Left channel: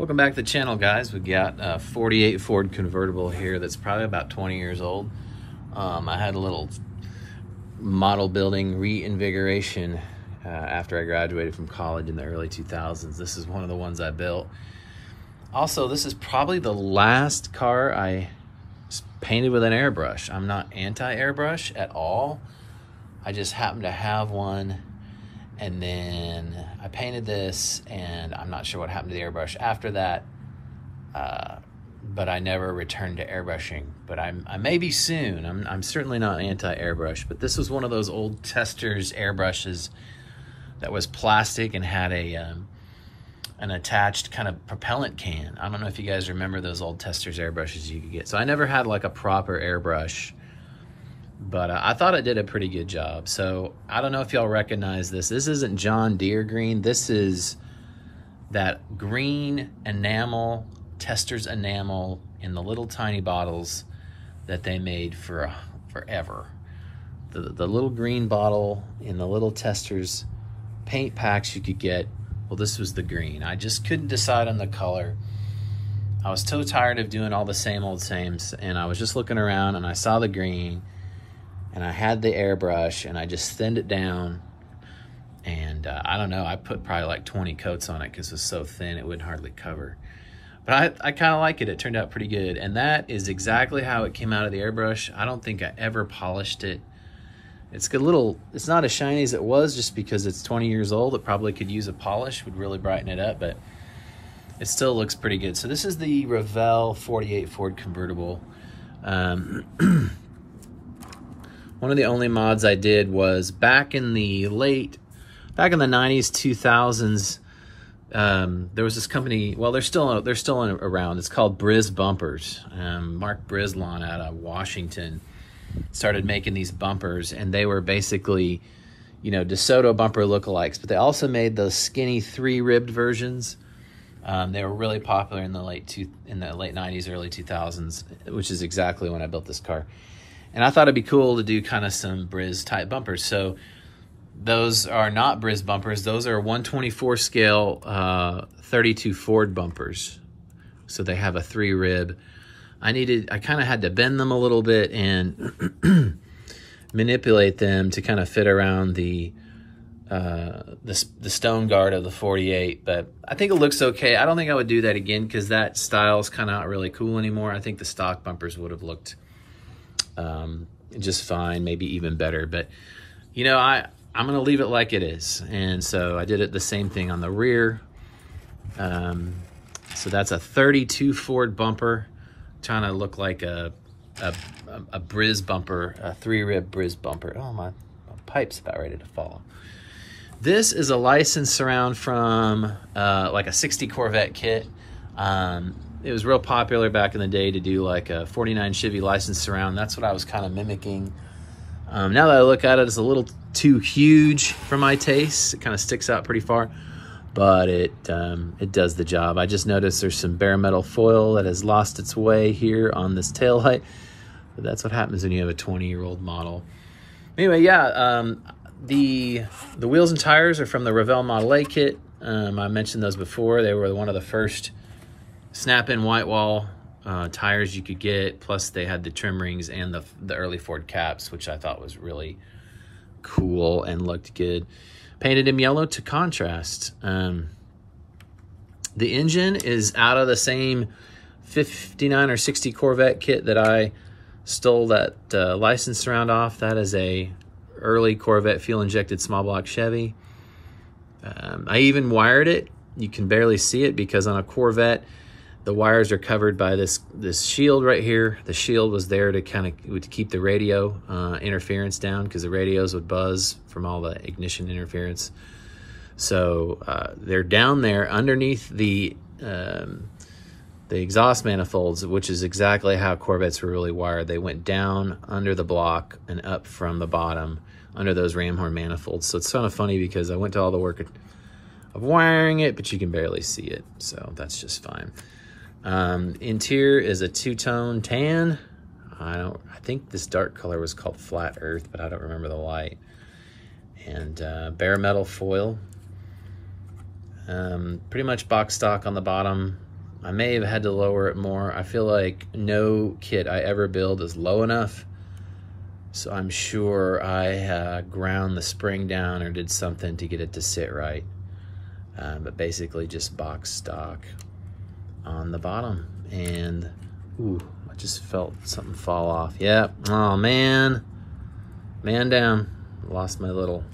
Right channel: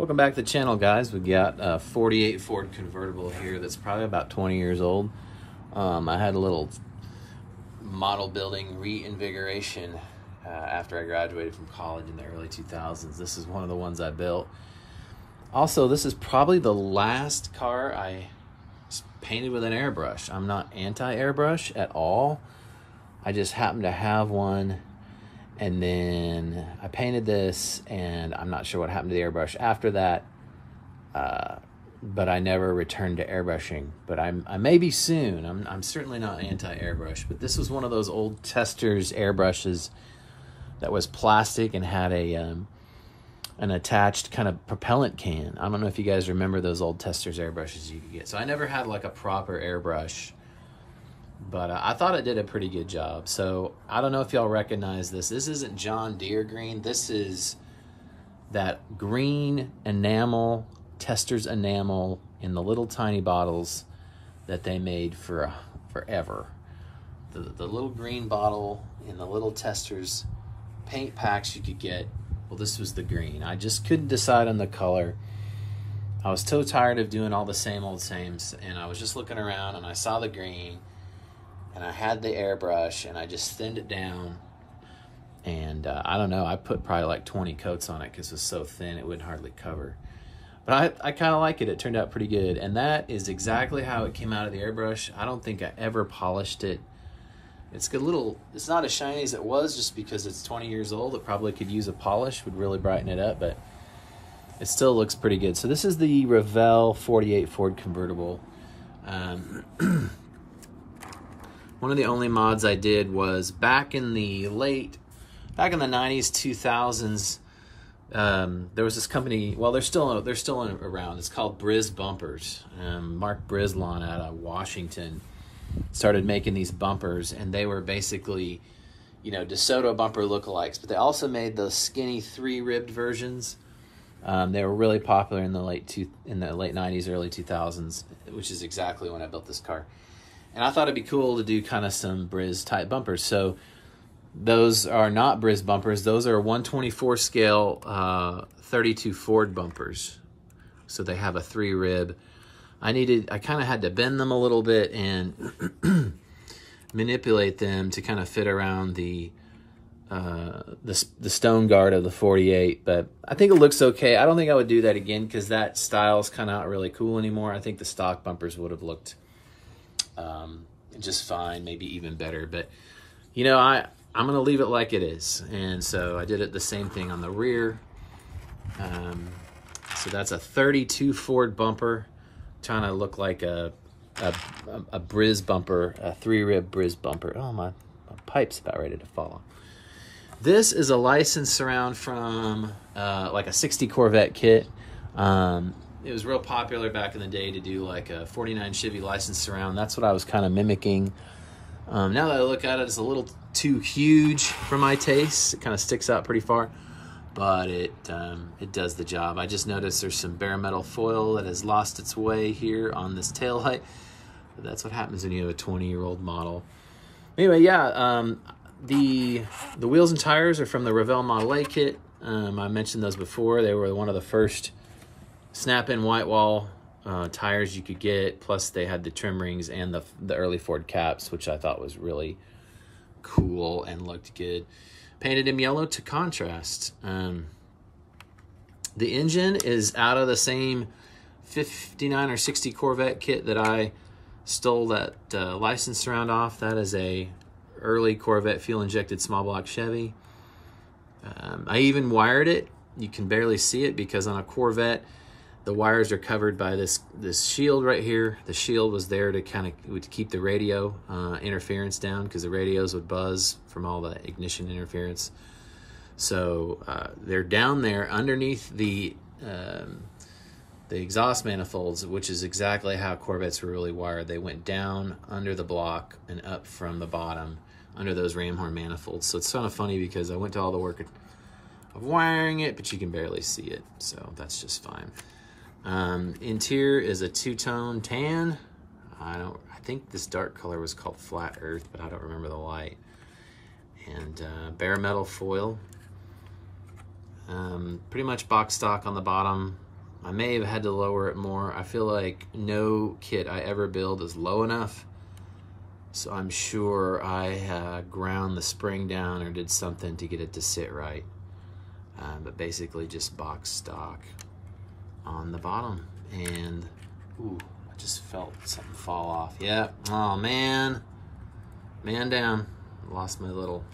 Welcome back to the channel, guys. We got a 48 Ford convertible here that's probably about 20 years old. I had a little model building reinvigoration after I graduated from college in the early 2000s. This is one of the ones I built. Also, this is probably the last car I painted with an airbrush. I'm not anti-airbrush at all. I just happen to have one. And then I painted this, and I'm not sure what happened to the airbrush after that, but I never returned to airbrushing. But I may be soon. I'm certainly not anti-airbrush, but this was one of those old Testors airbrushes that was plastic and had an attached kind of propellant can. I don't know if you guys remember those old Testors airbrushes you could get. So I never had like a proper airbrush. But I thought it did a pretty good job. So I don't know if y'all recognize this. This isn't John Deere green. This is that green enamel, Testors enamel in the little tiny bottles that they made for forever. The little green bottle in the little Testors paint packs you could get. Well, this was the green. I just couldn't decide on the color. I was so tired of doing all the same old sames, and I was just looking around and I saw the green. And I had the airbrush, and I just thinned it down. And I don't know, I put probably like 20 coats on it because it was so thin it wouldn't hardly cover. But I kind of like it. It turned out pretty good. And that is exactly how it came out of the airbrush. I don't think I ever polished it. It's good little, it's not as shiny as it was just because it's 20 years old. It probably could use a polish, would really brighten it up, but it still looks pretty good. So this is the Revell 48 Ford convertible. One of the only mods I did was back in the 90s, 2000s. There was this company, well, they're still around. It's called Briz Bumpers. Mark Brislon out of Washington started making these bumpers, and they were basically, you know, DeSoto bumper lookalikes, but they also made those skinny 3-ribbed versions. They were really popular in the late 90s, early 2000s, which is exactly when I built this car. And I thought it'd be cool to do kind of some Briz type bumpers. So those are not Briz bumpers. Those are 1/24 scale 32 Ford bumpers. So they have a 3-rib. I kind of had to bend them a little bit and manipulate them to kind of fit around the stone guard of the 48. But I think it looks okay. I don't think I would do that again because that style's kind of not really cool anymore. I think the stock bumpers would have looked just fine, maybe even better. But you know, I'm gonna leave it like it is, and so I did it the same thing on the rear. So that's a 32 Ford bumper, trying to look like a Briz bumper, a 3-rib Briz bumper. Oh, my pipe's about ready to fall off. This is a licensed surround from like a 60 Corvette kit. It was real popular back in the day to do like a 49 Chevy licensed surround. That's what I was kind of mimicking. Now that I look at it, it's a little too huge for my taste. It kind of sticks out pretty far, but it does the job. I just noticed there's some bare metal foil that has lost its way here on this taillight. But that's what happens when you have a 20-year-old model. Anyway, yeah, the wheels and tires are from the Revell Model A kit. I mentioned those before. They were one of the first snap-in white wall tires you could get, plus they had the trim rings and the early Ford caps, which I thought was really cool and looked good. Painted them yellow to contrast. The engine is out of the same 59 or 60 Corvette kit that I stole that license surround off. That is a early Corvette fuel-injected small block Chevy. I even wired it. You can barely see it because on a Corvette, the wires are covered by this shield right here. The shield was there to kind of keep the radio interference down because the radios would buzz from all the ignition interference. So they're down there underneath the exhaust manifolds, which is exactly how Corvettes were really wired. They went down under the block and up from the bottom under those ram horn manifolds. So it's kind of funny because I went to all the work of wiring it, but you can barely see it. So that's just fine. Interior is a 2-tone tan. I think this dark color was called Flat Earth, but I don't remember the light. And bare metal foil. Pretty much box stock on the bottom, I may have had to lower it more. I feel like no kit I ever build is low enough. So I'm sure I ground the spring down or did something to get it to sit right. But basically just box stock on the bottom. And, ooh, I just felt something fall off. Yep, oh man. Man down. Lost my little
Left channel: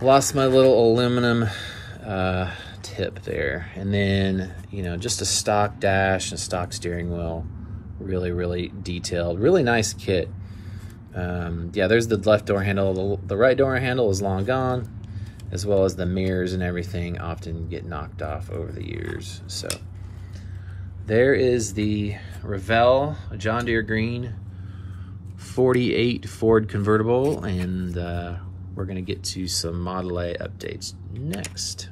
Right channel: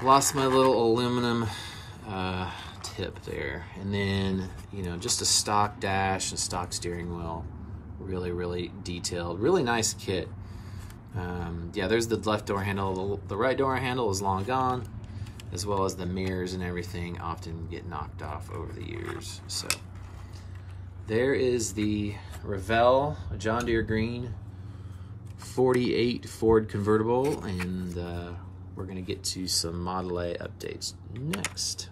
aluminum tip there. And then, you know, just a stock dash and stock steering wheel. Really detailed, really nice kit. Yeah, there's the left door handle. The right door handle is long gone, as well as the mirrors and everything often get knocked off over the years. So there is the Revell John Deere Green 48 Ford convertible, and we're gonna get to some Model A updates next.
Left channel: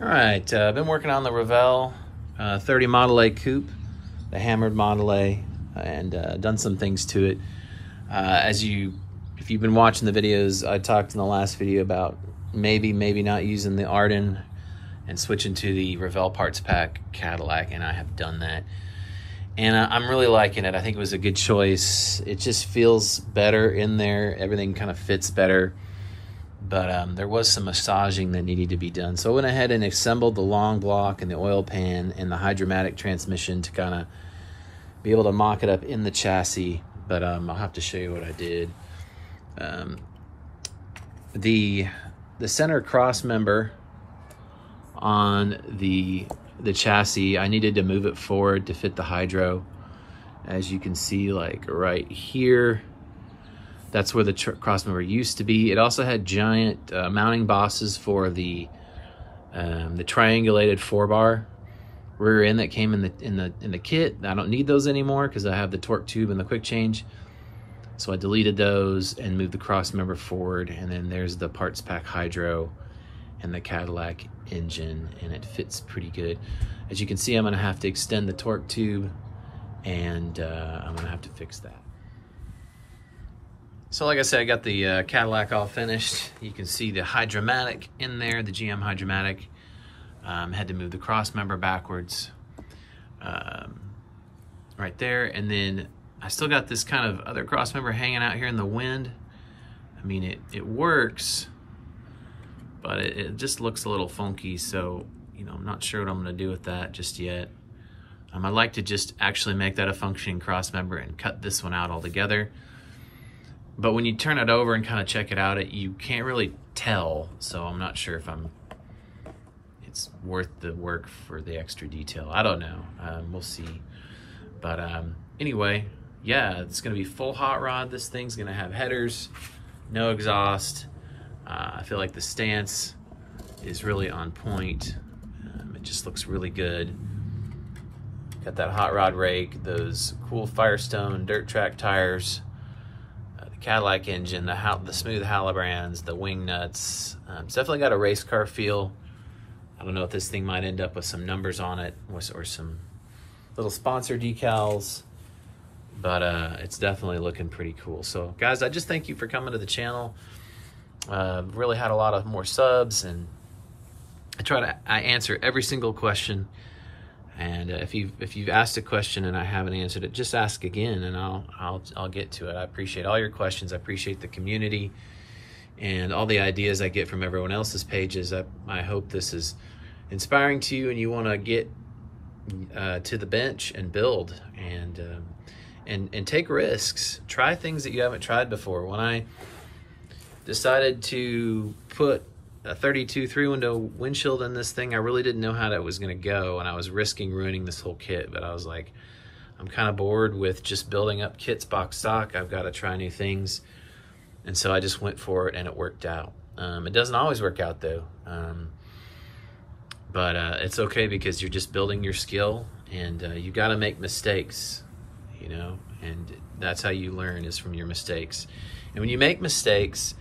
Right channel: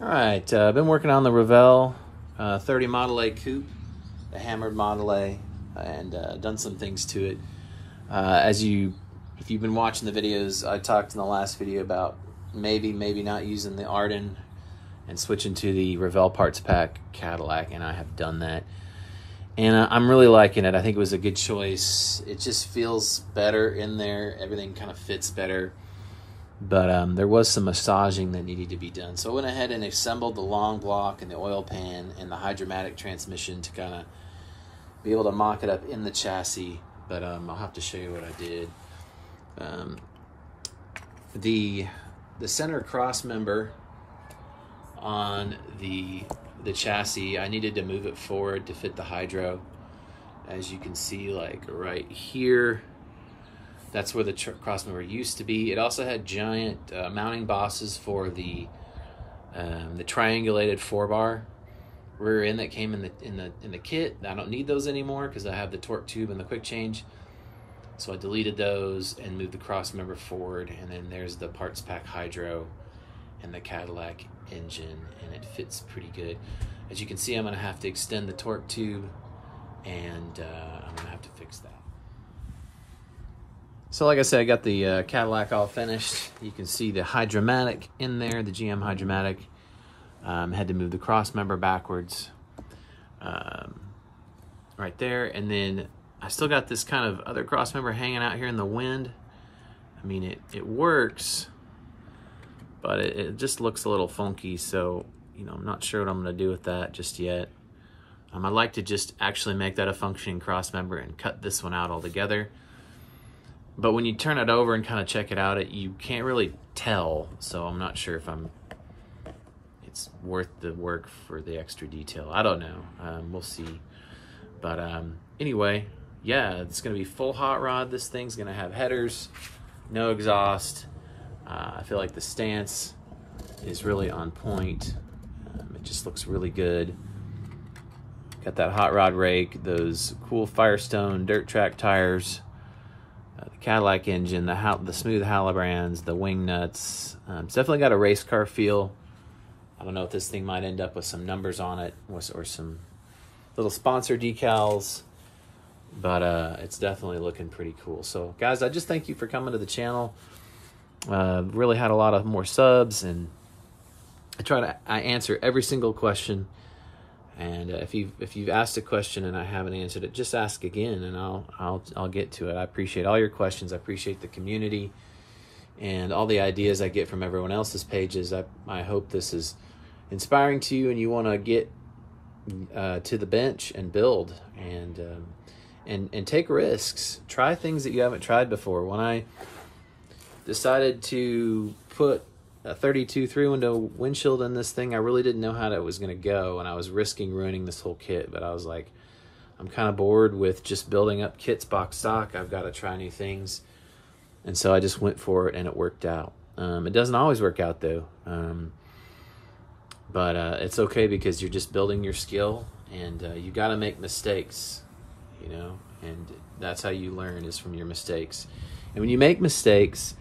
All right, I've been working on the Revell 30 Model A coupe, the hammered Model A, and done some things to it. If you've been watching the videos, I talked in the last video about maybe not using the Arden and switching to the Revell Parts Pack Cadillac, and I have done that. And I'm really liking it. I think it was a good choice. It just feels better in there. Everything kind of fits better. But there was some massaging that needed to be done. So I went ahead and assembled the long block and the oil pan and the hydromatic transmission to kind of be able to mock it up in the chassis. But I'll have to show you what I did. The center cross member on the chassis, I needed to move it forward to fit the hydro. As you can see, like right here, that's where the cross member used to be. It also had giant mounting bosses for the triangulated 4-bar rear end that came in the kit. I don't need those anymore because I have the torque tube and the quick change. So I deleted those and moved the cross member forward. And then there's the parts pack hydro and the Cadillac engine, and it fits pretty good. As you can see, I'm gonna have to extend the torque tube, and I'm gonna have to fix that. So like I said, I got the Cadillac all finished. You can see the hydromatic in there, the GM hydromatic. Had to move the cross member backwards right there. And then I still got this kind of other cross member hanging out here in the wind. I mean, it works, but it just looks a little funky. So, you know, I'm not sure what I'm gonna do with that just yet. I'd like to just actually make that a functioning cross member and cut this one out altogether. But when you turn it over and kind of check it out, you can't really tell. So I'm not sure if it's worth the work for the extra detail. I don't know, we'll see. But anyway, yeah, it's gonna be full hot rod. This thing's gonna have headers, no exhaust. I feel like the stance is really on point. It just looks really good. Got that hot rod rake, those cool Firestone dirt track tires, Cadillac engine, the smooth Halibrands, the wing nuts. It's definitely got a race car feel. I don't know if this thing might end up with some numbers on it or some little sponsor decals, but it's definitely looking pretty cool. So guys, I just thank you for coming to the channel. Really had a lot of more subs, and I answer every single question. And if you've asked a question and I haven't answered it, just ask again, and I'll get to it. I appreciate all your questions. I appreciate the community and all the ideas I get from everyone else's pages. I hope this is inspiring to you, and you want to get to the bench and build and take risks. Try things that you haven't tried before. When I decided to put a 32 3-window windshield in this thing, I really didn't know how that was going to go, and I was risking ruining this whole kit. But I was like, I'm kind of bored with just building up kits box stock. I've got to try new things, and so I just went for it, and it worked out. It doesn't always work out though, but it's okay, because you're just building your skill, and you got to make mistakes, you know, and that's how you learn, is from your mistakes. And when you make mistakes,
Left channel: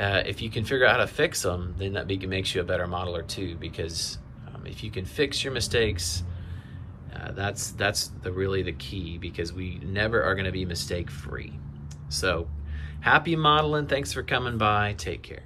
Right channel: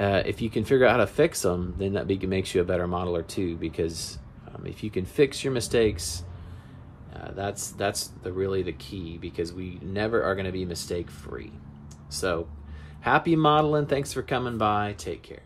if you can figure out how to fix them, then that makes you a better modeler too, because if you can fix your mistakes, that's really the key, because we never are going to be mistake free. So happy modeling. Thanks for coming by. Take care.